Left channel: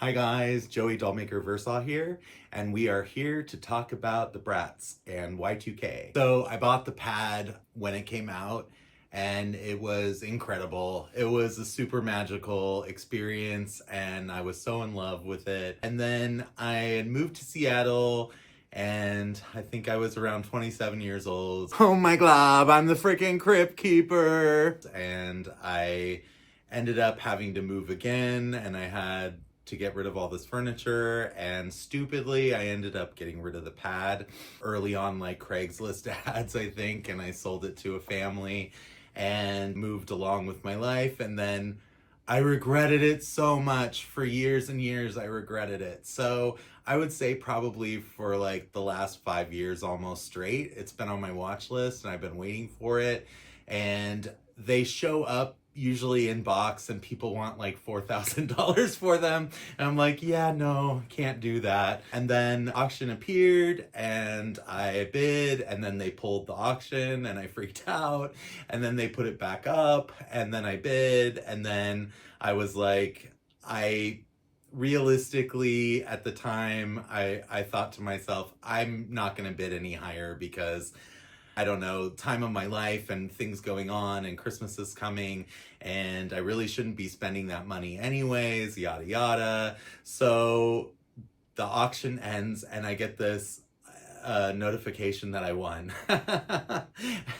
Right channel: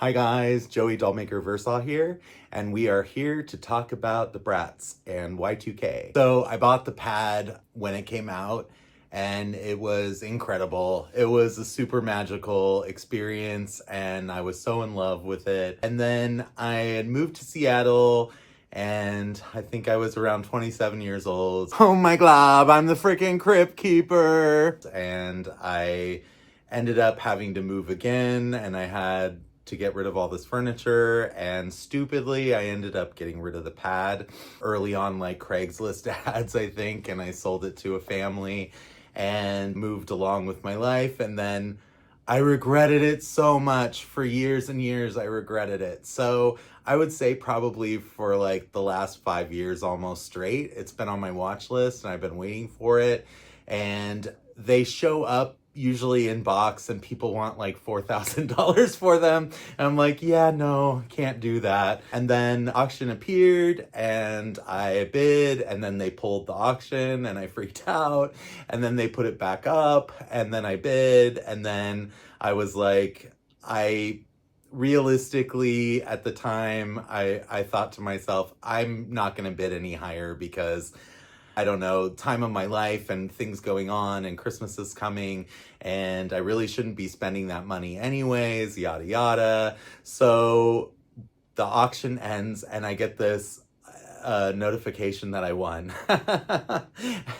Hi guys, Joey Dollmaker Versaw here, and we are here to talk about the Bratz and Y2K. So I bought the pad when it came out, and it was incredible. It was a super magical experience, and I was so in love with it. And then I had moved to Seattle, and I think I was around 27 years old. Oh my glob, I'm the freaking crypt keeper! And I ended up having to move again, and I had to get rid of all this furniture, and stupidly I ended up getting rid of the pad early on, like Craigslist ads, I think, and I sold it to a family and moved along with my life. And then I regretted it so much. For years and years I regretted it. So I would say probably for like the last 5 years almost straight, it's been on my watch list and I've been waiting for it. And they show up usually in box and people want like $4,000 for them. And I'm like, yeah, no, can't do that. And then auction appeared and I bid, and then they pulled the auction and I freaked out. And then they put it back up and then I bid. And then I was like, realistically at the time, I thought to myself, I'm not going to bid any higher because I don't know, time of my life and things going on, and Christmas is coming and I really shouldn't be spending that money anyways, yada yada. So the auction ends and I get this notification that I won.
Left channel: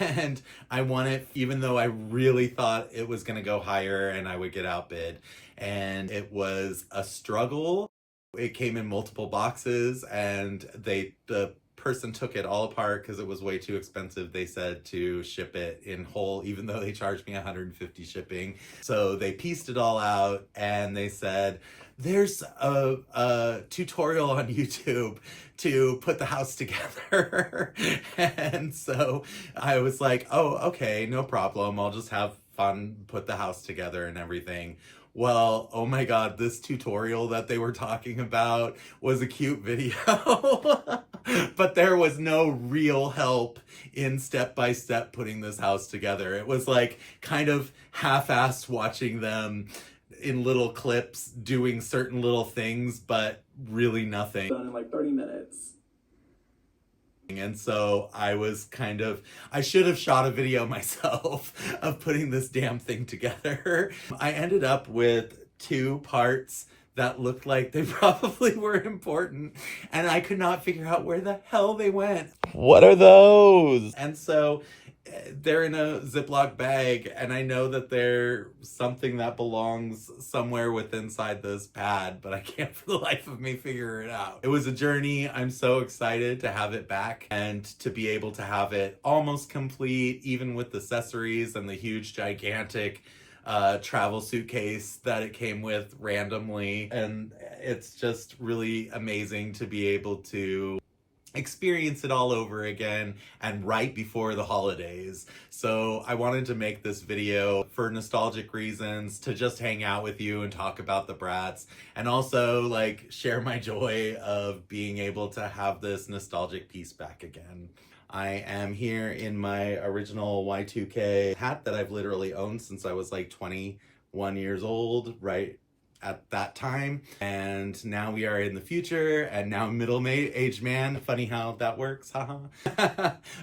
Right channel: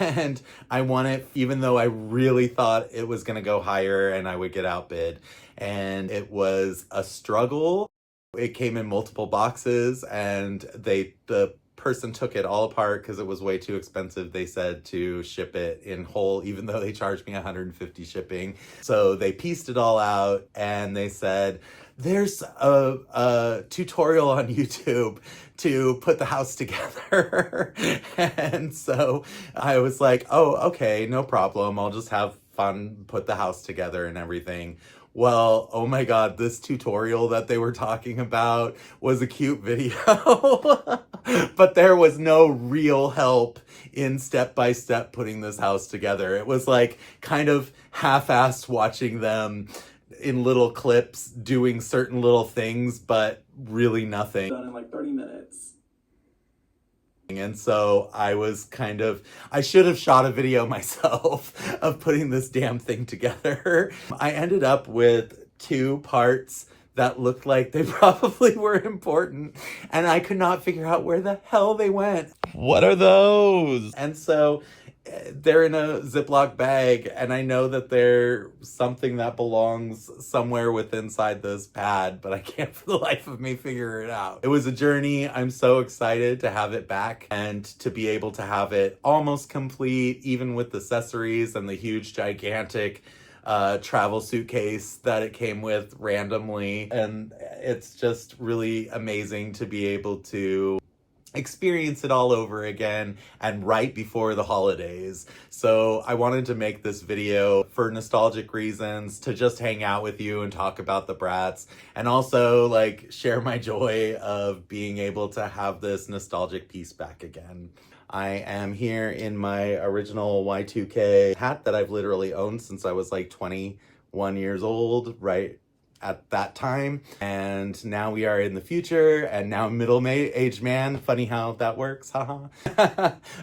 And I won it even though I really thought it was going to go higher and I would get outbid. And it was a struggle. It came in multiple boxes, and the person took it all apart because it was way too expensive, they said, to ship it in whole, even though they charged me $150 shipping. So they pieced it all out and they said, there's a tutorial on YouTube to put the house together. And so I was like, oh, okay, no problem. I'll just have fun, put the house together and everything. Well, oh my God, this tutorial that they were talking about was a cute video, but there was no real help in step-by-step putting this house together. It was like kind of half-assed watching them in little clips doing certain little things, but really nothing. Done in like 30 minutes. And so I was I should have shot a video myself of putting this damn thing together. I ended up with 2 parts that looked like they probably were important, and I could not figure out where the hell they went. What are those? And so they're in a Ziploc bag, and I know that they're something that belongs somewhere inside this pad, but I can't for the life of me figure it out. It was a journey. I'm so excited to have it back and to be able to have it almost complete, even with accessories and the huge, gigantic travel suitcase that it came with randomly. And it's just really amazing to be able to experience it all over again, and right before the holidays. So I wanted to make this video for nostalgic reasons, to just hang out with you and talk about the Bratz, and also like share my joy of being able to have this nostalgic piece back again. I am here in my original Y2K hat that I've literally owned since I was like 21 years old, right at that time. And now we are in the future, and now middle-aged man. Funny how that works, haha.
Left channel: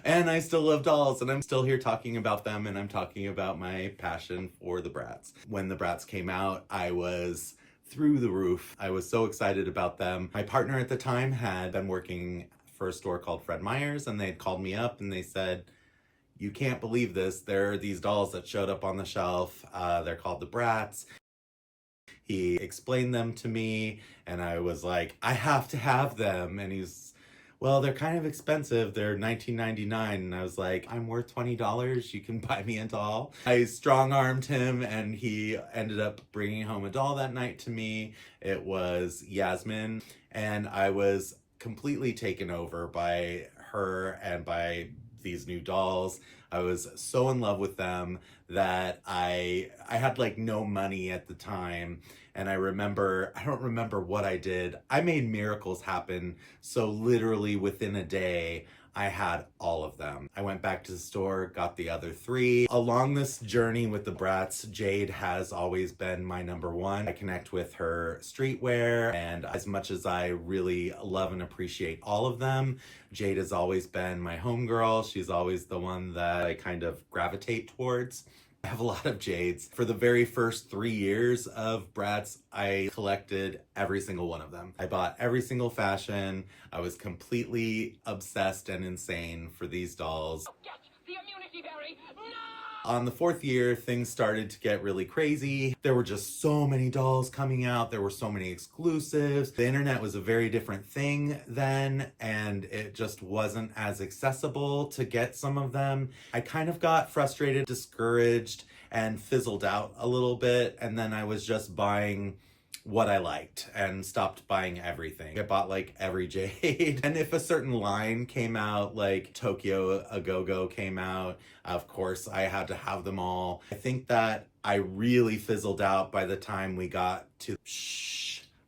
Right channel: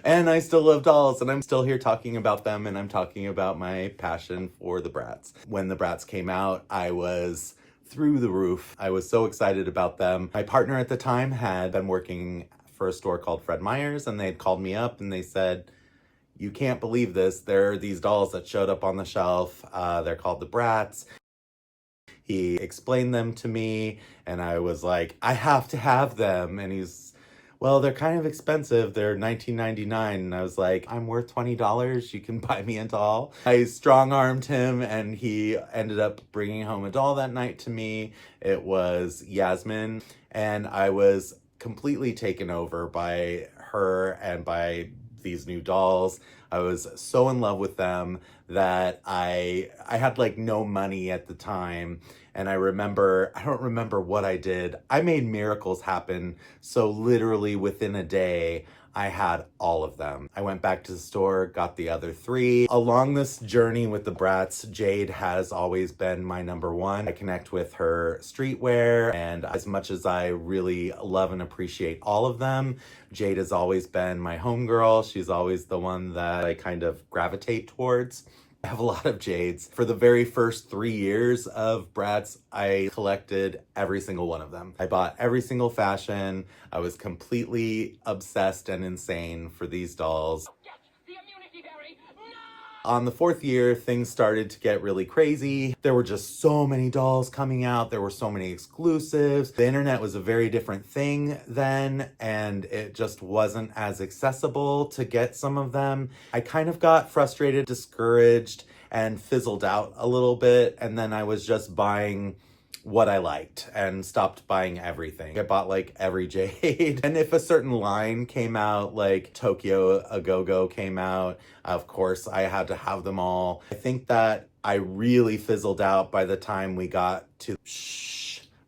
And I still love dolls, and I'm still here talking about them, and I'm talking about my passion for the Bratz. When the Bratz came out, I was through the roof. I was so excited about them. My partner at the time had been working for a store called Fred Meyer's, and they'd called me up and they said, you can't believe this, there are these dolls that showed up on the shelf. They're called the Bratz. He explained them to me, and I was like, I have to have them. And he's, well, they're kind of expensive. They're $19.99. And I was like, I'm worth $20. You can buy me a doll. I strong-armed him, and he ended up bringing home a doll that night to me. It was Yasmin, and I was completely taken over by her and by these new dolls. I was so in love with them that I had like no money at the time. And I don't remember what I did. I made miracles happen. So literally within a day, I had all of them. I went back to the store, got the other 3. Along this journey with the Bratz, Jade has always been my number one. I connect with her streetwear, and as much as I really love and appreciate all of them, Jade has always been my homegirl. She's always the one that I kind of gravitate towards. I have a lot of Jades. For the very first 3 years of Bratz, I collected every single one of them. I bought every single fashion. I was completely obsessed and insane for these dolls. Get the immunity berry now! On the 4th year, things started to get really crazy. There were just so many dolls coming out. There were so many exclusives. The internet was a very different thing then, and it just wasn't as accessible to get some of them. I kind of got frustrated, discouraged, and fizzled out a little bit, and then I was just buying what I liked and stopped buying everything. I bought like every Jade. And if a certain line came out, like Tokyo A Go-Go came out, of course I had to have them all. I think that I really fizzled out by the time we got to,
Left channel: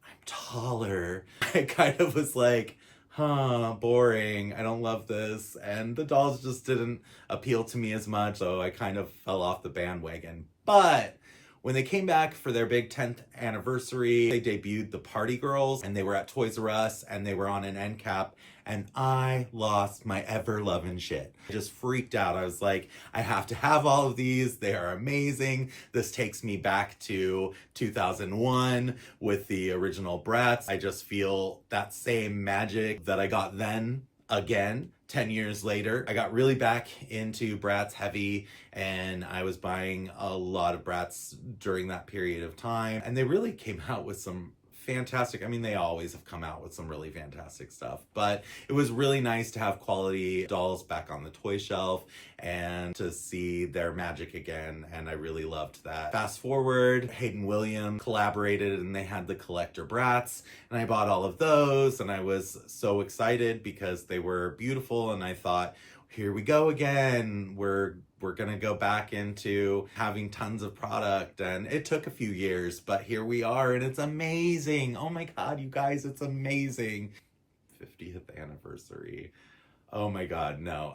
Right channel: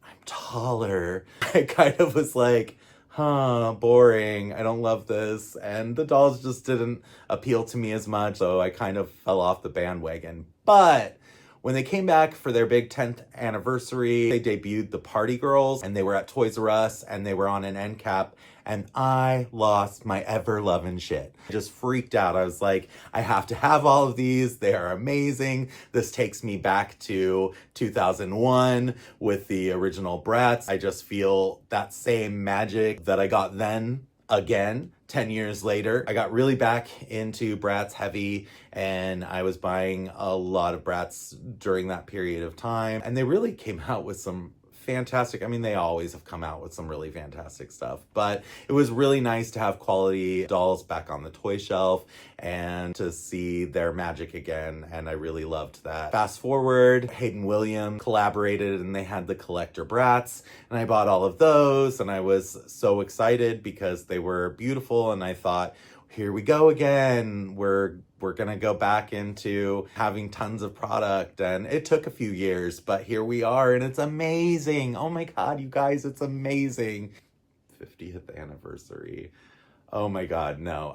I'm taller. I kind of was like, boring. I don't love this. And the dolls just didn't appeal to me as much. So I kind of fell off the bandwagon. But when they came back for their big 10th anniversary, they debuted the Party Girls, and they were at Toys R Us, and they were on an end cap, and I lost my ever-loving shit. I just freaked out. I was like, I have to have all of these. They are amazing. This takes me back to 2001 with the original Bratz. I just feel that same magic that I got then again 10 years later. I got really back into Bratz heavy, and I was buying a lot of Bratz during that period of time, and they really came out with some fantastic, I mean, they always have come out with some really fantastic stuff, but it was really nice to have quality dolls back on the toy shelf and to see their magic again, and I really loved that. Fast forward, Hayden Williams collaborated, and they had the collector Bratz, and I bought all of those, and I was so excited because they were beautiful, and I thought, here we go again. We're gonna go back into having tons of product, and it took a few years, but here we are, and it's amazing. Oh my God, you guys, it's amazing. 50th anniversary. Oh my God, no.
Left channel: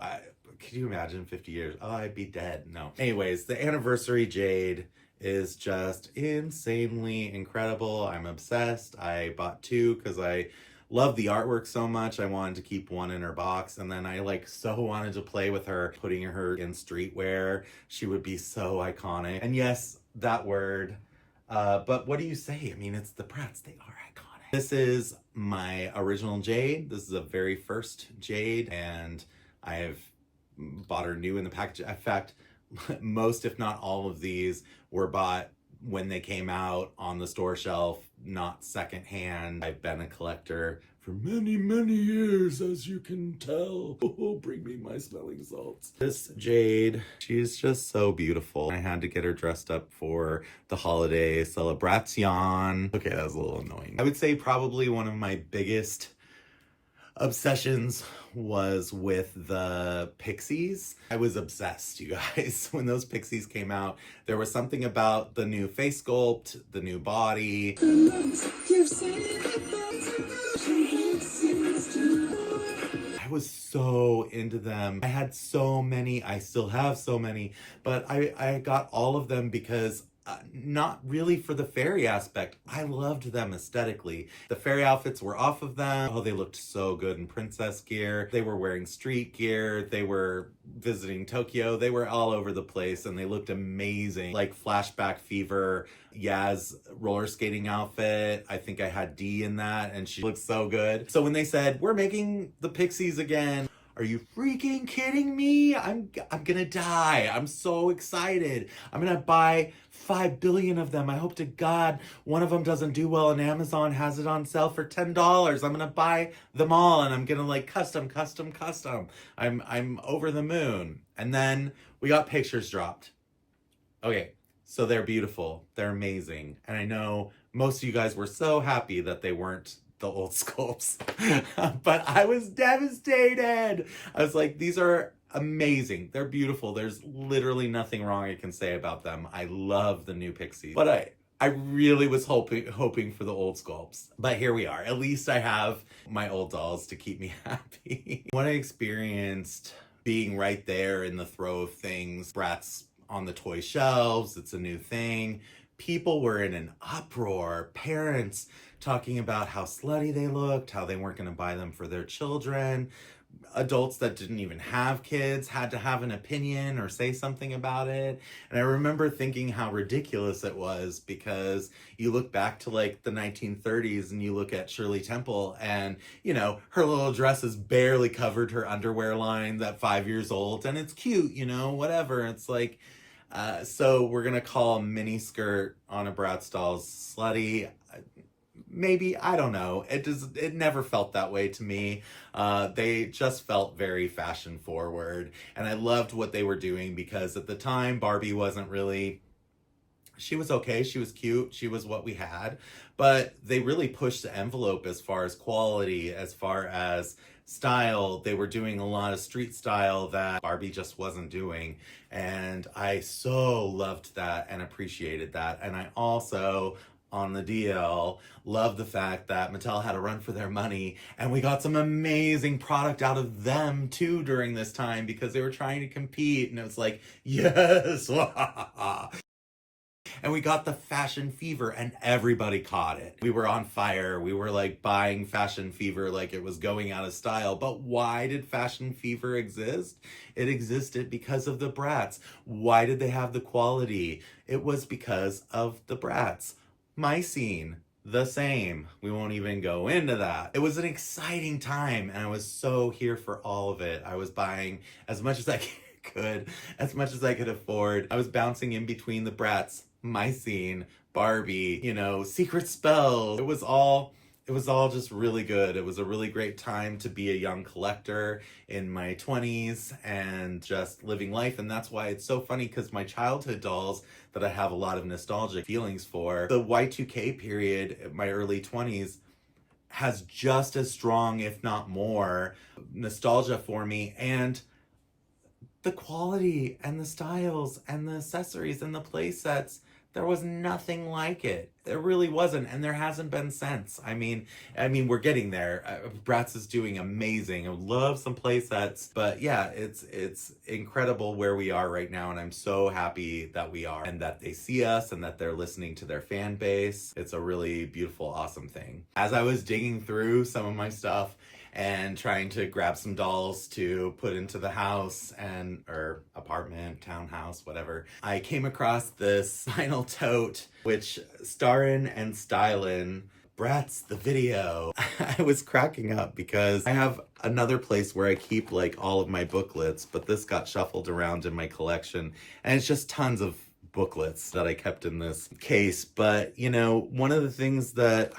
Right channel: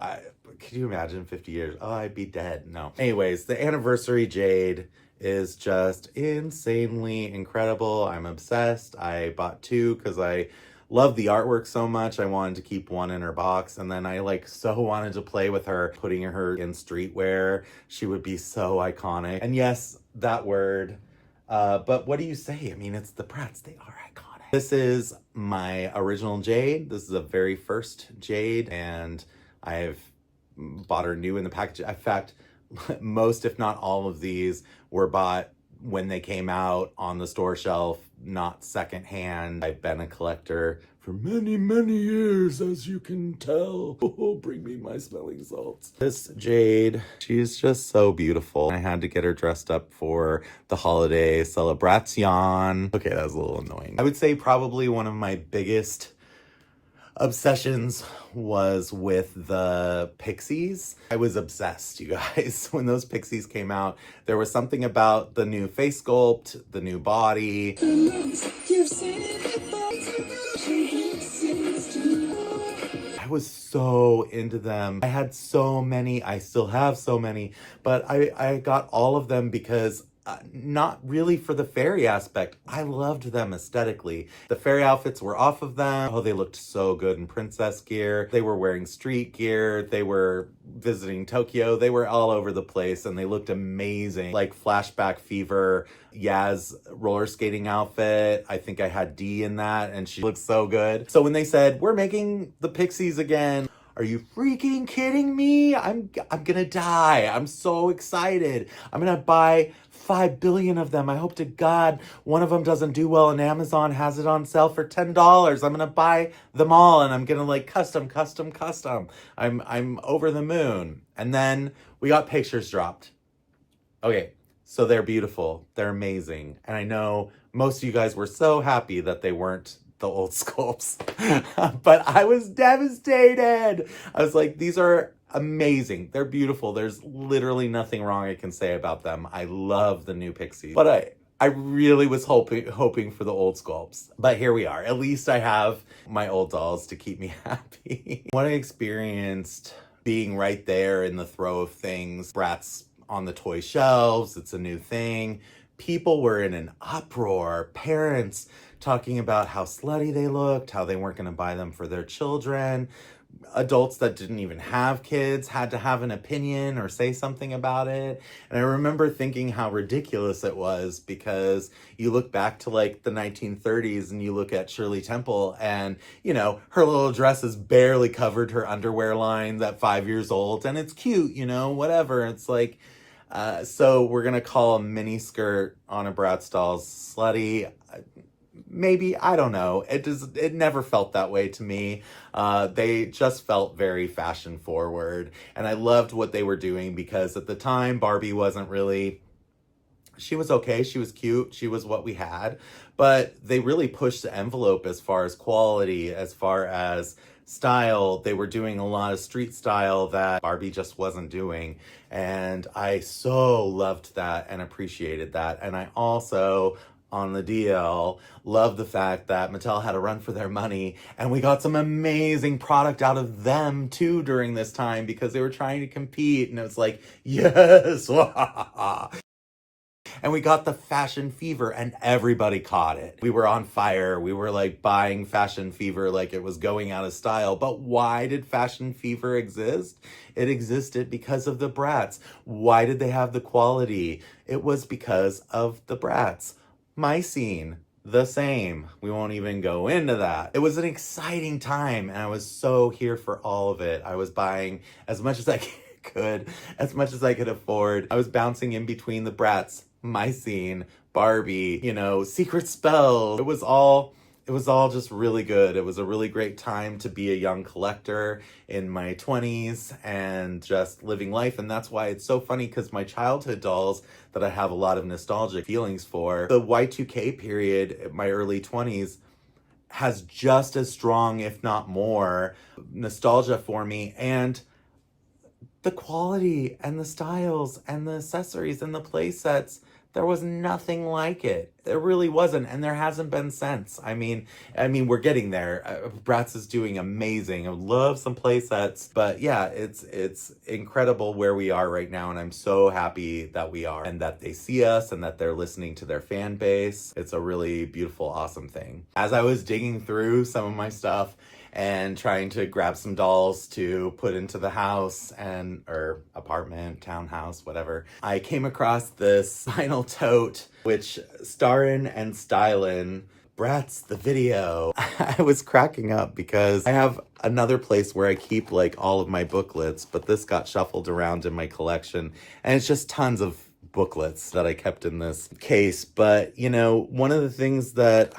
Can you imagine 50 years? Oh, I'd be dead. No. Anyways, the anniversary Jade is just insanely incredible. I'm obsessed. I bought 2 because I love the artwork so much. I wanted to keep 1 in her box, and then I so wanted to play with her, putting her in streetwear. She would be so iconic. And yes, that word. But what do you say? I mean, it's the Bratz. They are iconic. This is my original Jade. This is the very first Jade, and I've bought her new in the package. In fact, most, if not all of these were bought when they came out on the store shelf, not secondhand. I've been a collector for many, many years, as you can tell. Oh, bring me my smelling salts. This Jade, she's just so beautiful. I had to get her dressed up for the holiday celebration. Okay, that was a little annoying. I would say probably one of my biggest obsessions was with the Pixies. I was obsessed, you guys. When those Pixies came out, there was something about the new face sculpt, the new body. I was so into them. I had so many. I still have so many, but I got all of them because not really for the fairy aspect. I loved them aesthetically. The fairy outfits were off of them. Oh, they looked so good in princess gear. They were wearing street gear. They were visiting Tokyo. They were all over the place, and they looked amazing. Like Flashback Fever, Yaz roller skating outfit. I think I had D in that, and she looked so good. So when they said, we're making the Pixies again, are you freaking kidding me? I'm gonna die. I'm so excited. I'm gonna buy 5 billion of them. I hope to God one of them doesn't do well and Amazon has it on sale for $10. I'm gonna buy them all, and I'm gonna custom. I'm over the moon. And then we got pictures dropped. Okay, so they're beautiful. They're amazing. And I know most of you guys were so happy that they weren't the old sculpts, but I was devastated. I was like, these are amazing. They're beautiful. There's literally nothing wrong I can say about them. I love the new Pixies, but I really was hoping for the old sculpts. But here we are. At least I have my old dolls to keep me happy. What I experienced being right there in the throw of things, Bratz on the toy shelves, it's a new thing. People were in an uproar. Parents talking about how slutty they looked, how they weren't going to buy them for their children. Adults that didn't even have kids had to have an opinion or say something about it. And I remember thinking how ridiculous it was, because you look back to like the 1930s and you look at Shirley Temple and, you know, her little dresses barely covered her underwear line at 5 years old. And it's cute, you know, whatever. It's like, so we're going to call a mini skirt on a Bratz doll slutty. Maybe, I don't know. It never felt that way to me. They just felt very fashion forward, and I loved what they were doing, because at the time Barbie wasn't really, she was okay, she was cute, she was what we had, but they really pushed the envelope as far as quality, as far as style. They were doing a lot of street style that Barbie just wasn't doing, and I so loved that and appreciated that. And I also, on the DL, love the fact that Mattel had a run for their money, and we got some amazing product out of them too during this time, because they were trying to compete, and it was like, yes. And we got the fashion fever, and everybody caught it. We were on fire. We were like buying fashion fever like it was going out of style. But why did fashion fever exist? It existed because of the Bratz. Why did they have the quality? It was because of the Bratz. My scene, the same. We won't even go into that. It was an exciting time, and I was so here for all of it. I was buying as much as I could, as much as I could afford. I was bouncing in between the Bratz, my scene, Barbie, you know, Secret Spell. It was all just really good. It was a really great time to be a young collector in my 20s and just living life. And that's why it's so funny, because my childhood dolls that I have a lot of nostalgic feelings for, the Y2K period, my early 20s, has just as strong, if not more, nostalgia for me. And the quality and the styles and the accessories and the play sets, there was nothing like it. There really wasn't, and there hasn't been since. I mean, we're getting there. Bratz is doing amazing. I love some play sets, but yeah, it's incredible where we are right now, and I'm so happy that we are, and that they see us, and that they're listening to their fan base. It's a really beautiful, awesome thing. As I was digging through some of my stuff and trying to grab some dolls to put into the house or apartment, townhouse, whatever, I came across this vinyl tote, which starrin' and stylin' Bratz the video. I was cracking up because I have another place where I keep like all of my booklets, but this got shuffled around in my collection, and it's just tons of booklets that I kept in this case. But, you know, one of the things that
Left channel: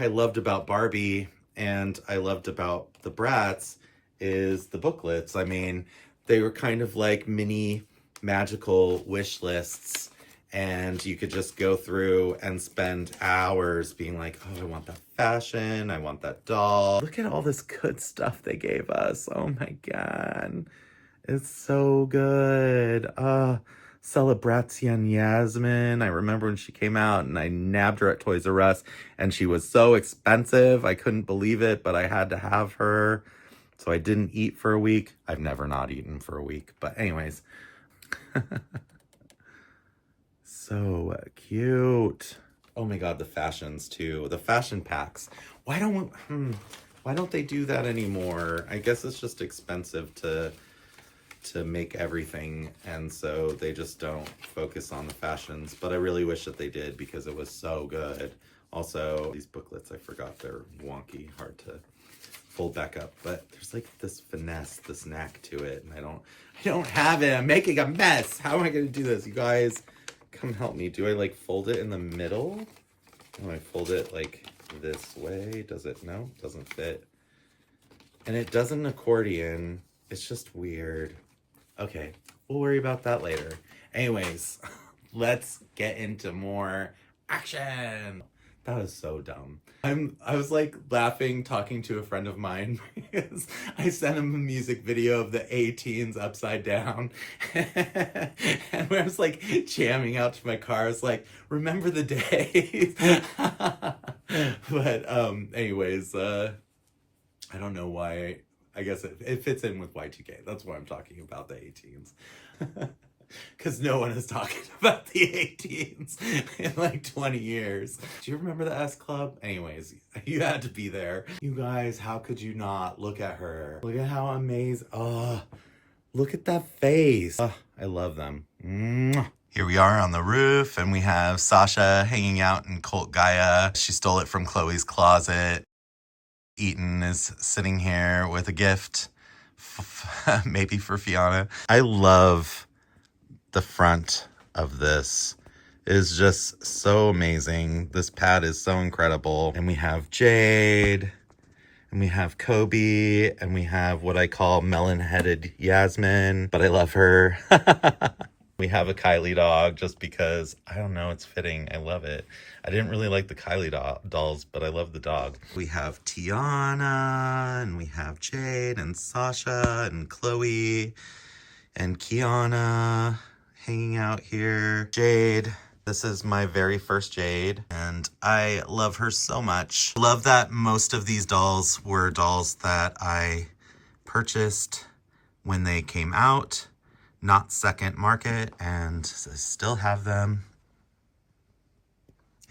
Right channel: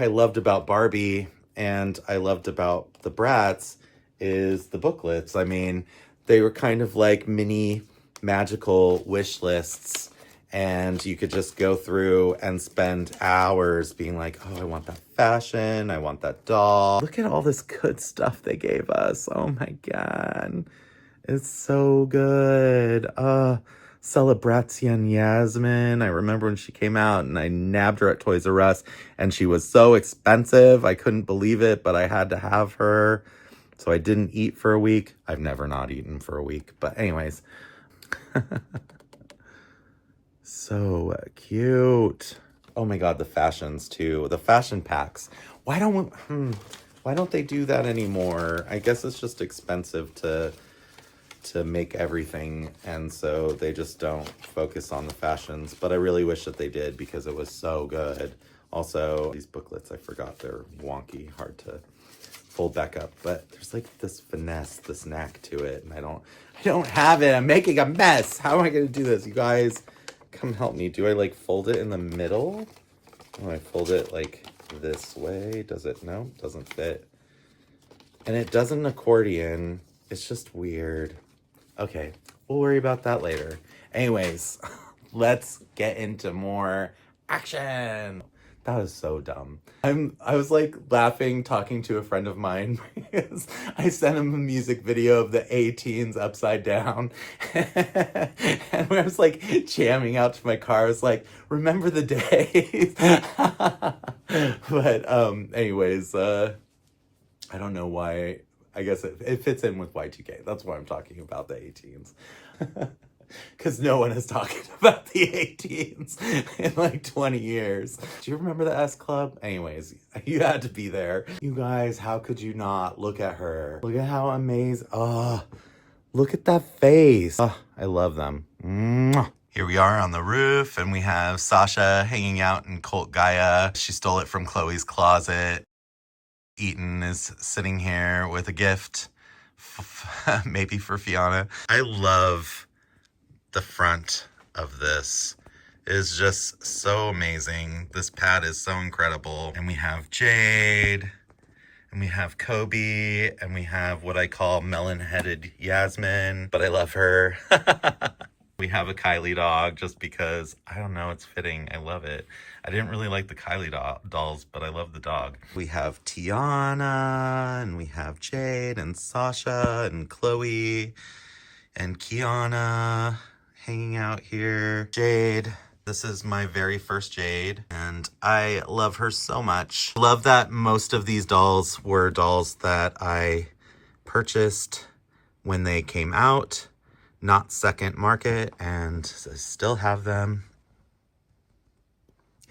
I loved about Barbie and I loved about the Bratz is the booklets. I mean, they were kind of like mini magical wish lists, and you could just go through and spend hours being like, oh, I want that fashion, I want that doll. Look at all this good stuff they gave us. Oh my God. It's so good. Celebration Yasmin. I remember when she came out and I nabbed her at Toys R Us, and she was so expensive. I couldn't believe it, but I had to have her. So I didn't eat for a week. I've never not eaten for a week. But anyways. So cute. Oh my God, the fashions too. The fashion packs. Why don't they do that anymore? I guess it's just expensive to make everything, and so they just don't focus on the fashions, but I really wish that they did, because it was so good. Also, these booklets, I forgot, they're wonky, hard to fold back up, but there's like this finesse, this knack to it, and I don't have it. I'm making a mess. How am I going to do this? You guys, come help me. Do I like fold it in the middle? Oh, I fold it like this way. Does it? No, doesn't fit. And it doesn't accordion. It's just weird. Okay, we'll worry about that later. Anyways, let's get into more action. That is so dumb. I was like laughing, talking to a friend of mine because I sent him a music video of the A-Teens upside down. And when I was like jamming out to my car, I was like, remember the days. But anyways, I don't know why. I guess it fits in with Y2K. That's why I'm talking about the 18s. Because no one is talking about the 18s in like 20 years. Do you remember the S Club? Anyways, you had to be there. You guys, how could you not look at her? Look at how amazing. Oh, look at that face. Oh, I love them. Mwah. Here we are on the roof, and we have Sasha hanging out in Colt Gaia. She stole it from Chloe's closet. Eaton is sitting here with a gift, maybe for Fiona. I love the front of this. It is just so amazing. This pad is so incredible. And we have Jade, and we have Kobe, and we have what I call melon-headed Yasmin, but I love her. We have a Kylie dog just because, I don't know, it's fitting. I love it. I didn't really like the Kylie dolls, but I love the dog. We have Tiana, and we have Jade, and Sasha, and Chloe, and Kiana hanging out here. Jade. This is my very first Jade, and I love her so much. Love that most of these dolls were dolls that I purchased when they came out, not second market, and I still have them.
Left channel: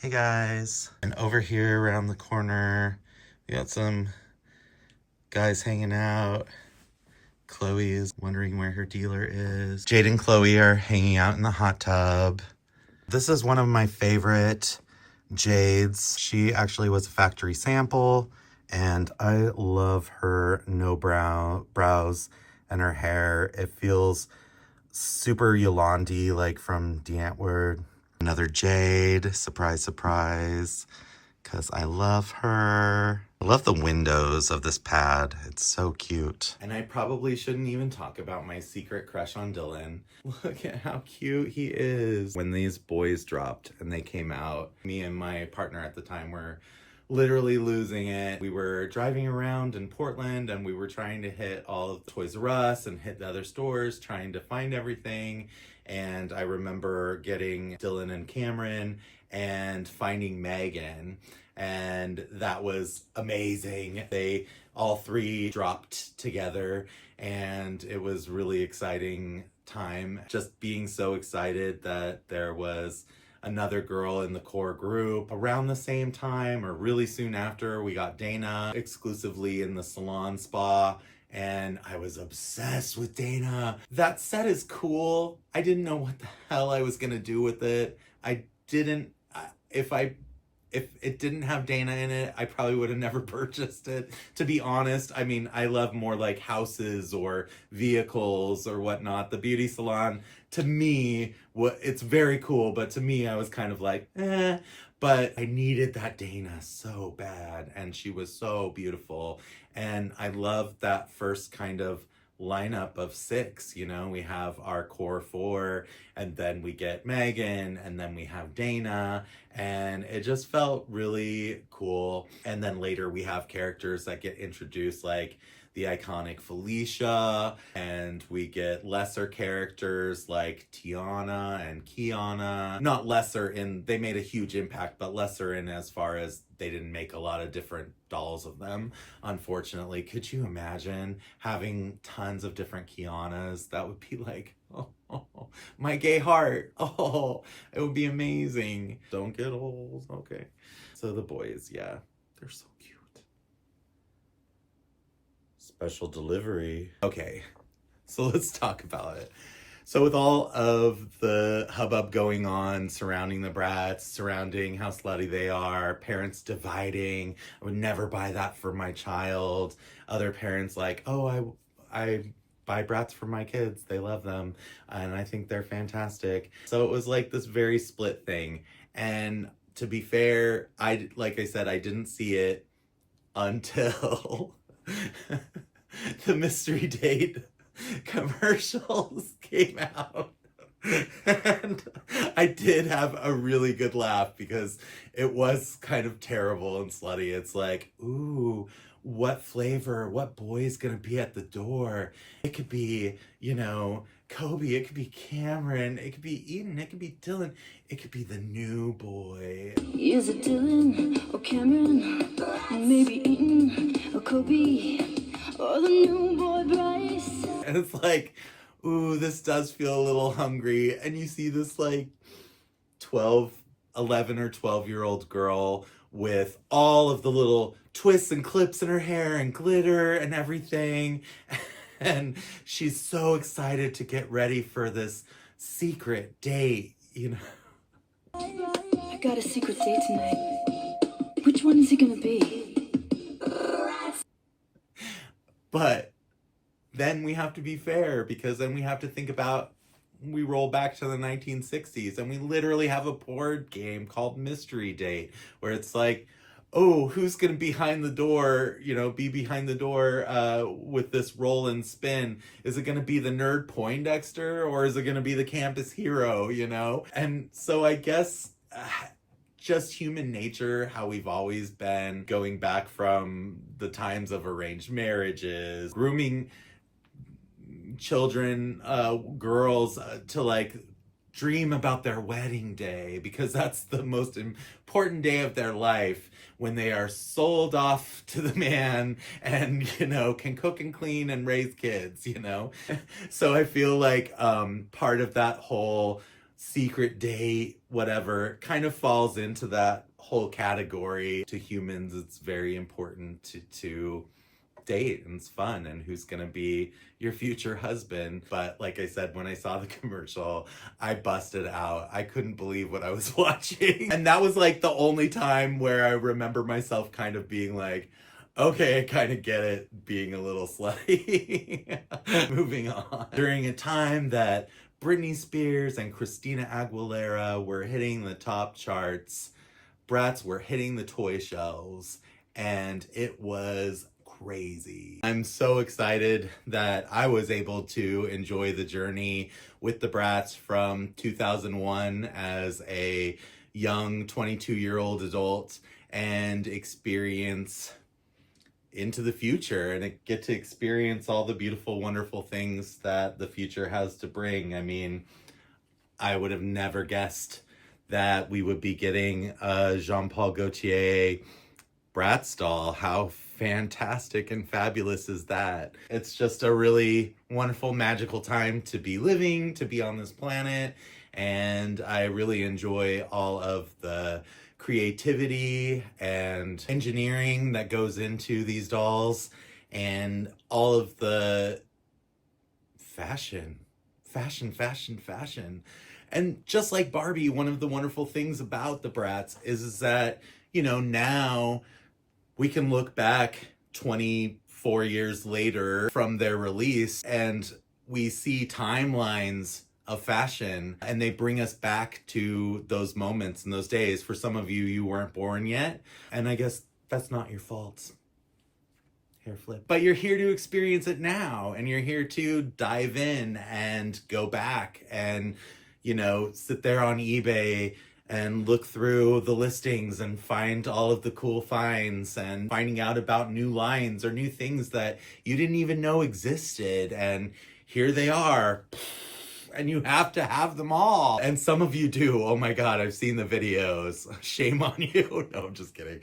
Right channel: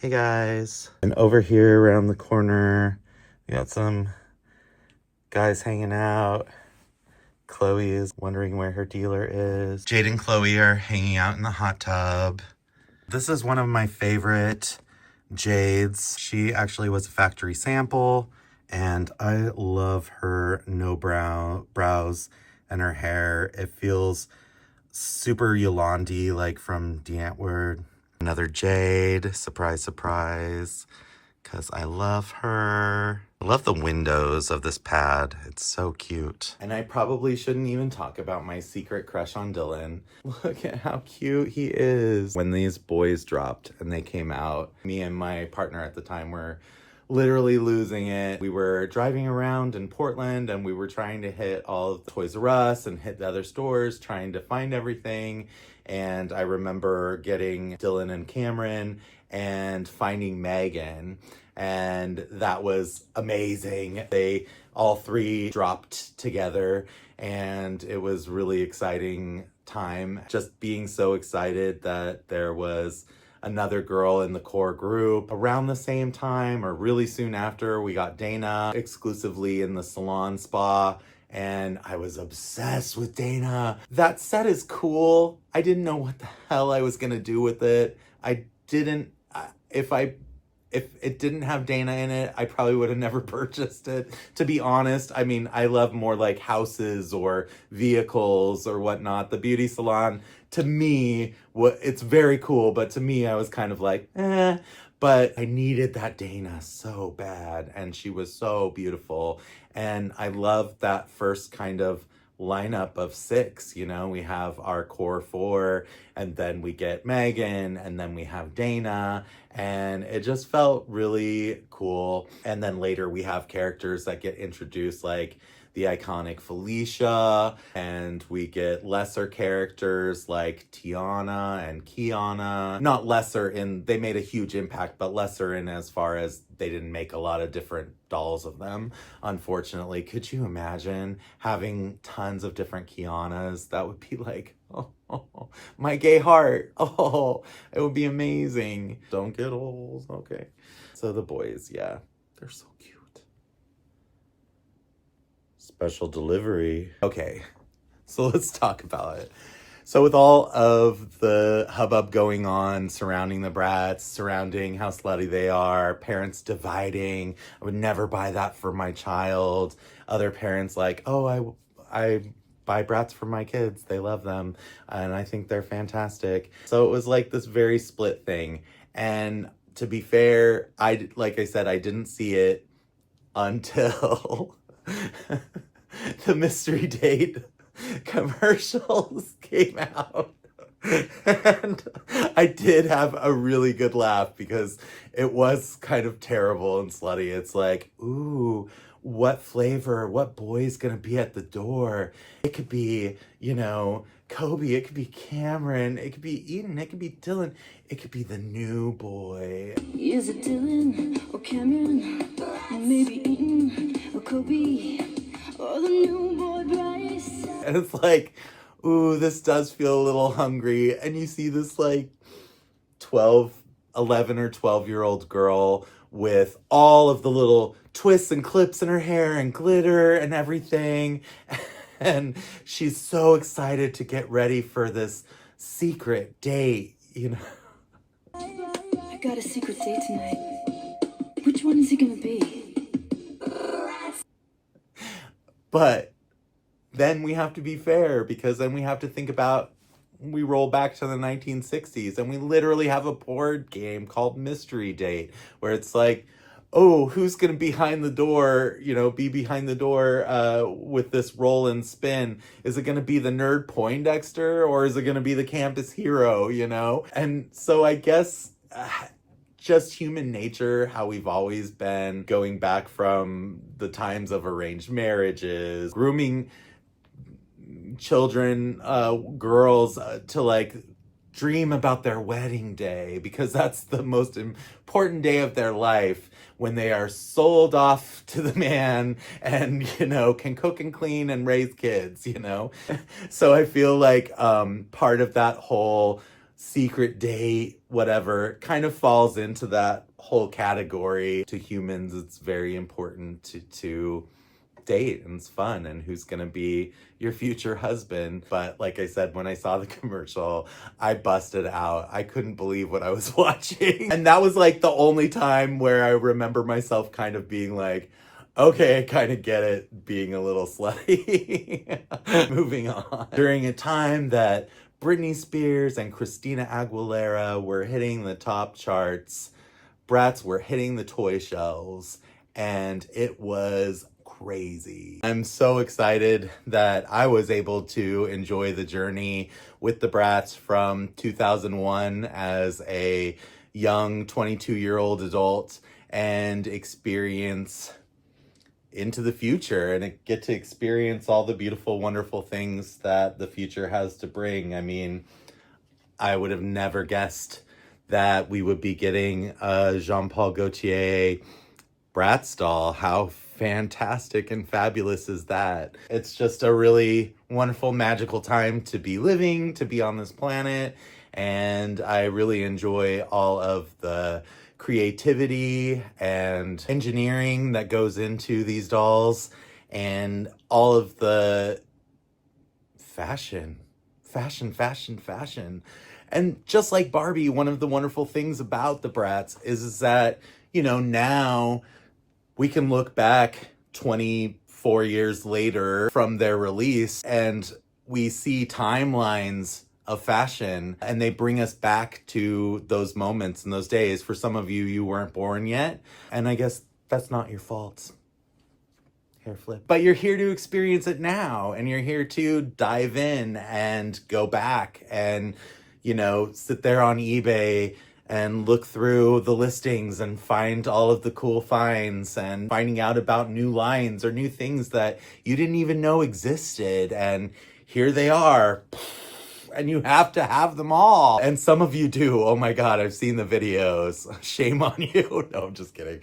Hey guys. And over here around the corner, we got some guys hanging out. Chloe is wondering where her dealer is. Jade and Chloe are hanging out in the hot tub. This is one of my favorite Jades. She actually was a factory sample, and I love her no brows and her hair. It feels super Yolandi, like from D'Antwoord. Another Jade, surprise, surprise, because I love her. I love the windows of this pad. It's so cute. And I probably shouldn't even talk about my secret crush on Dylan. Look at how cute he is. When these boys dropped and they came out, me and my partner at the time were literally losing it. We were driving around in Portland and we were trying to hit all of the Toys R Us and hit the other stores, trying to find everything. And I remember getting Dylan and Cameron and finding Megan, and that was amazing. They all three dropped together, and it was really exciting time. Just being so excited that there was another girl in the core group. Around the same time, or really soon after, we got Dana exclusively in the salon spa, and I was obsessed with Dana. That set is cool. I didn't know what the hell I was gonna do with it. I didn't, if it didn't have Dana in it, I probably would have never purchased it, to be honest. I mean, I love more like houses or vehicles or whatnot. The beauty salon, to me, it's very cool, but to me, I was kind of like, eh. But I needed that Dana so bad, and she was so beautiful. And I love that first kind of lineup of 6. You know, we have our core 4, and then we get Megan, and then we have Dana, and it just felt really cool. And then later we have characters that get introduced, like the iconic Felicia, and we get lesser characters like Tiana and Kiana. Not lesser in, they made a huge impact, but lesser in as far as they didn't make a lot of different dolls of them, unfortunately. Could you imagine having tons of different Kianas? That would be like, oh, my gay heart. Oh, it would be amazing. Don't get old. Okay. So the boys, yeah, they're so cute. Special delivery. Okay, so let's talk about it. So with all of the hubbub going on surrounding the Bratz, surrounding how slutty they are, parents dividing, I would never buy that for my child. Other parents like, oh, I buy Bratz for my kids. They love them, and I think they're fantastic. So it was like this very split thing. And to be fair, like I said, I didn't see it until the mystery date commercials came out. And I did have a really good laugh because it was kind of terrible and slutty. It's like, ooh, what flavor, what boy's gonna be at the door? It could be, Kobe, it could be Cameron, it could be Eden, it could be Dylan, it could be the new boy. Is it Dylan or Cameron? Maybe Eden or Kobe or the new boy Bryce? And it's like, ooh, this does feel a little hungry. And you see this like 11 or 12-year-old girl with all of the little twists and clips in her hair and glitter and everything. And she's so excited to get ready for this secret date, I got a secret date tonight. Which one is he gonna be? But then we have to be fair, because then we have to think about, we roll back to the 1960s and we literally have a board game called Mystery Date, where it's like, oh, who's going to be behind the door, with this roll and spin? Is it going to be the nerd Poindexter, or is it going to be the campus hero, And so I guess just human nature, how we've always been, going back from the times of arranged marriages, grooming children, girls, to like dream about their wedding day, because that's the most important day of their life, when they are sold off to the man and, can cook and clean and raise kids, So I feel like part of that whole secret date, whatever, kind of falls into that whole category. To humans, it's very important to date, and it's fun, and who's gonna be your future husband. But like I said, when I saw the commercial, I busted out. I couldn't believe what I was watching. And that was like the only time where I remember myself kind of being like, okay, I kind of get it, being a little slutty. Moving on. During a time that Britney Spears and Christina Aguilera were hitting the top charts, Bratz were hitting the toy shelves, and it was crazy. I'm so excited that I was able to enjoy the journey with the Bratz from 2001 as a young 22-year-old adult, and experience into the future, and get to experience all the beautiful, wonderful things that the future has to bring. I mean, I would have never guessed that we would be getting a Jean-Paul Gaultier Bratz doll. How fantastic and fabulous is that? It's just a really wonderful, magical time to be living, to be on this planet, and I really enjoy all of the creativity and engineering that goes into these dolls, and all of the fashion. And just like Barbie, one of the wonderful things about the Bratz is that, now we can look back 24 years later from their release, and we see timelines of fashion, and they bring us back to those moments and those days. For some of you, you weren't born yet, and I guess that's not your fault. Hair flip. But you're here to experience it now, and you're here to dive in and go back and, sit there on eBay and look through the listings and find all of the cool finds, and finding out about new lines or new things that you didn't even know existed. And here they are. And you have to have them all. And some of you do. Oh my God, I've seen the videos. Shame on you. No, I'm just kidding.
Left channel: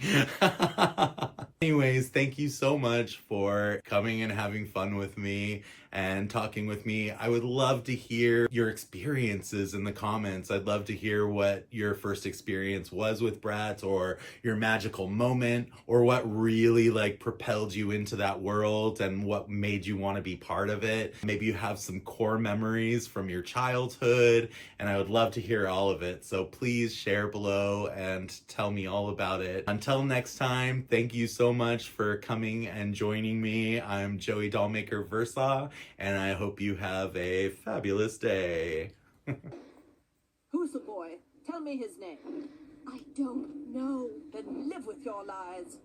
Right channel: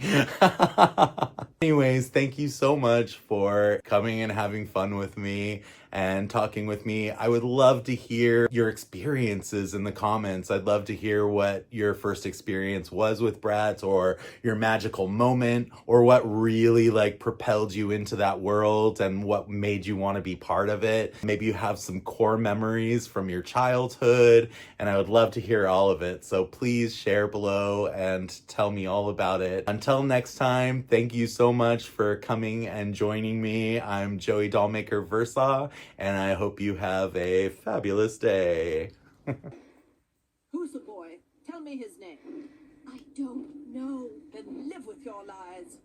Anyways, thank you so much for coming and having fun with me and talking with me. I would love to hear your experiences in the comments. I'd love to hear what your first experience was with Bratz, or your magical moment, or what really propelled you into that world and what made you want to be part of it. Maybe you have some core memories from your childhood, and I would love to hear all of it. So please share below and tell me all about it. Until next time, thank you so much for coming and joining me. I'm Joey Dollmaker Versaw, and I hope you have a fabulous day. Who's the boy? Tell me his name. I don't know. Then live with your lies.